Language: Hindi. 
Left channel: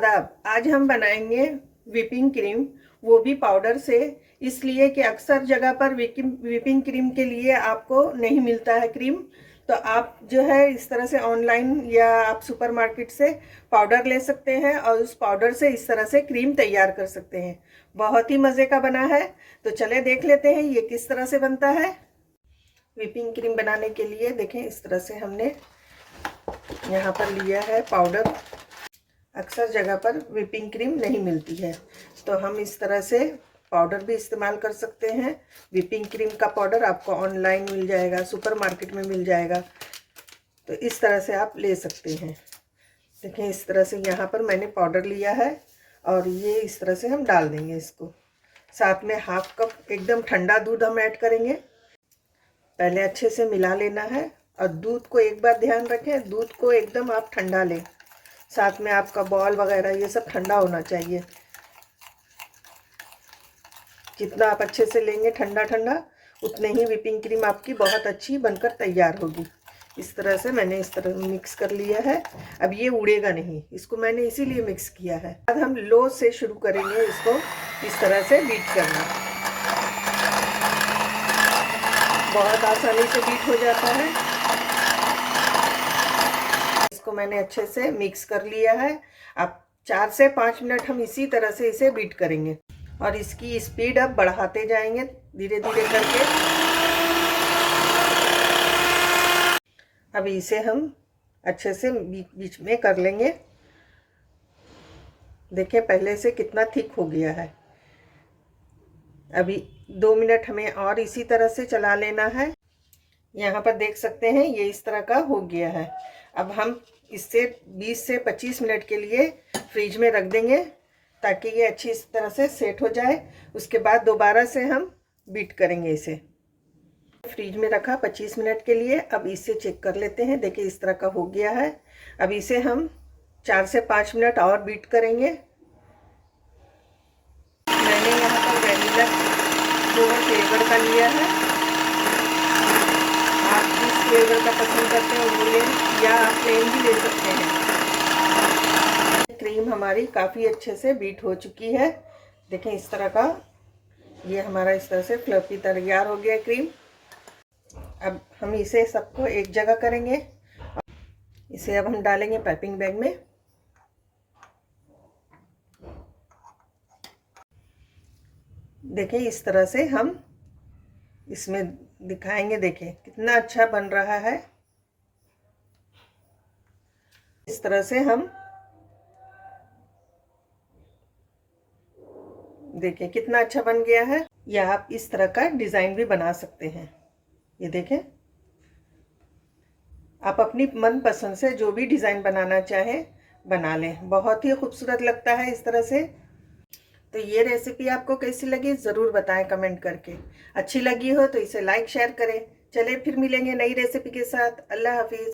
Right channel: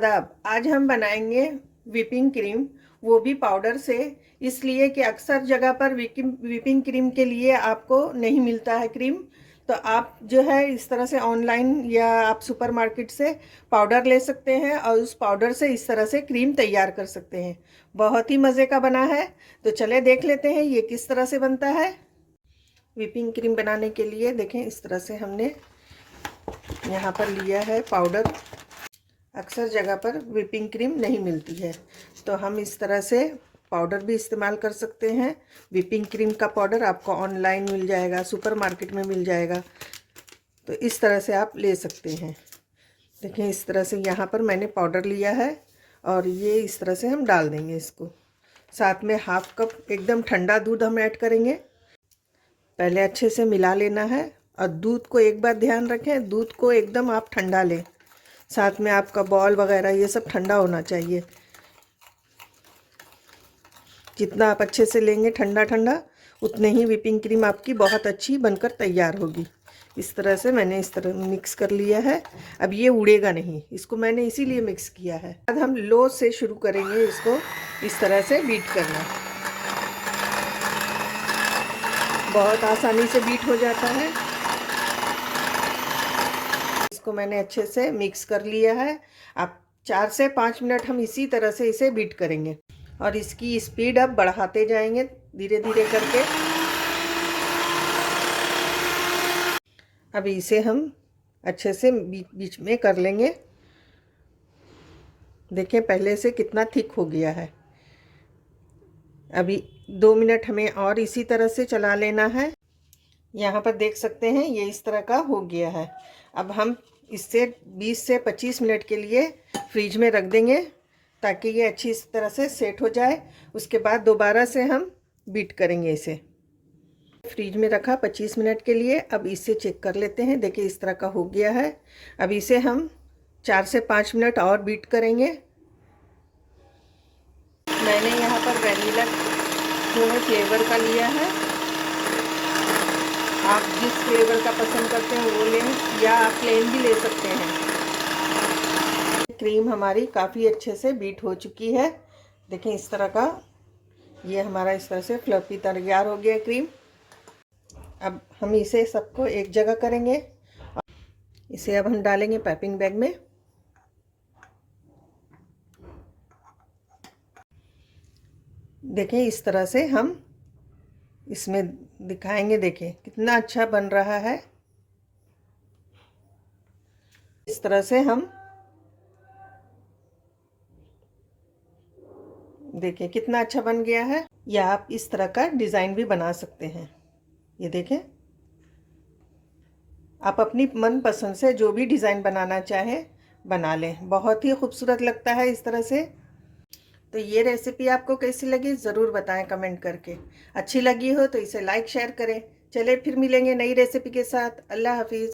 आदाब। आज हम बनाएंगे व्हिपिंग क्रीम, वो भी पाउडर से। इसलिए कि अक्सर जगह पर व्हिपिंग क्रीम के लिए आपको नहीं मिलता है क्रीम, तो आप जो है इस तरह से ऑनलाइन या आप सुपरमार्केट से पाउडर ले सकते हैं और उस पाउडर से इस तरह से क्रीम तैयार कर सकते हैं। बहुत ही मज़े का बना है, तो चले देख लेते हैं ये किस तरह से बनता है। व्हिपिंग क्रीम बनाने के लिए देखें, इस तरह से हमने यहाँ पर लिया है पाउडर। अक्सर जगह पर व्हिपिंग क्रीम नहीं मिलती है, तो हम इस तरह से पाउडर भी इस्तेमाल कर सकते हैं। व्हिपिंग क्रीम का पाउडर आपको ऑनलाइन मिल जाएगा, सुपरमार्केट में मिल जाएगा, तो इस तरह से आप ले सकते हैं। देखें, इस तरह से यहाँ पर मैंने पाउडर लिया है और ये इस तरह से हम डाल देंगे इसको। साथ में हाफ कप एकदम ठंडा दूध हम ऐड करेंगे। पहले अच्छे से मिला लेना है और दूध को एक बार ध्यान रखें, दूध को एकदम आप ठंडा लें। साथ में आपका बॉल वगैरह ये सब ठंडा होना चाहिए। जितना आप अच्छे से लेंगे ठंडा ठंडा, उतने ही व्हिपिंग क्रीम आपकी बहुत अच्छी बनकर तैयार होगी। इस तरह से मैंने इस तरह मिक्स कर लिया है। अब ये उड़ेगा नहीं, इसको मैंने इसीलिए मिक्स किया है। अब हम लो से शुरू करेंगे इसको इस तरह से बीट करना। बहुत आसानी से बीट हो जाता है। इसको मैंने अच्छे से मिक्स कर लिया है। अब 4 से 5 मिनट हम इसी तरह से इसे बीट करेंगे और इसकी स्पीड अब बढ़ाते जाएंगे धीरे धीरे करके। अब इसे हम अच्छे से बीच बीच में कर लेंगे। देखें पहले से कितना थिक हो गया है। अभी 2 मिनट हमें और इसी तरह से चला लेना है। यहाँ पर देख सकते हैं ये इस तरह का हो गया है। अब हम इससे 20 से 25 मिनट के लिए फ्रिज में रख देंगे ताकि ये अच्छी इस तरह से सेट हो जाए। उसके बाद दोबारा से हम बीट करेंगे इसे। फ्रिज में रखा 25 मिनट के लिए। अब इसे चेक कर लेते हैं। देखिए इस तरह का हो गया है। अब इसे हम 4 से 5 मिनट और बीट करेंगे। मैंने यहाँ पर वैनिला फ्लेवर का लिया है। आप जिस फ्लेवर का पसंद करते हैं वो लें या आप प्लेन भी ले सकते हैं। क्रीम हमारी काफ़ी अच्छे से बीट हो चुकी है। देखें इस तरह का ये हमारा इस तरह से फ्लफी तैयार हो गया क्रीम। अब हम इसे सबको एक जगह करेंगे। इसे अब हम डालेंगे पाइपिंग बैग में। देखिए इस तरह से हम इसमें दिखाएंगे। देखें कितना अच्छा बन रहा है। इस तरह से हम देखें कितना अच्छा बन गया है। या आप इस तरह का डिज़ाइन भी बना सकते हैं। ये देखें, आप अपनी मनपसंद से जो भी डिज़ाइन बनाना चाहें बना लें। बहुत ही खूबसूरत लगता है इस तरह से। तो ये रेसिपी आपको कैसी लगी ज़रूर बताएं कमेंट करके। अच्छी लगी हो तो इसे लाइक शेयर करें। चले फिर मिलेंगे नई रेसिपी के साथ। अल्लाह हाफिज़।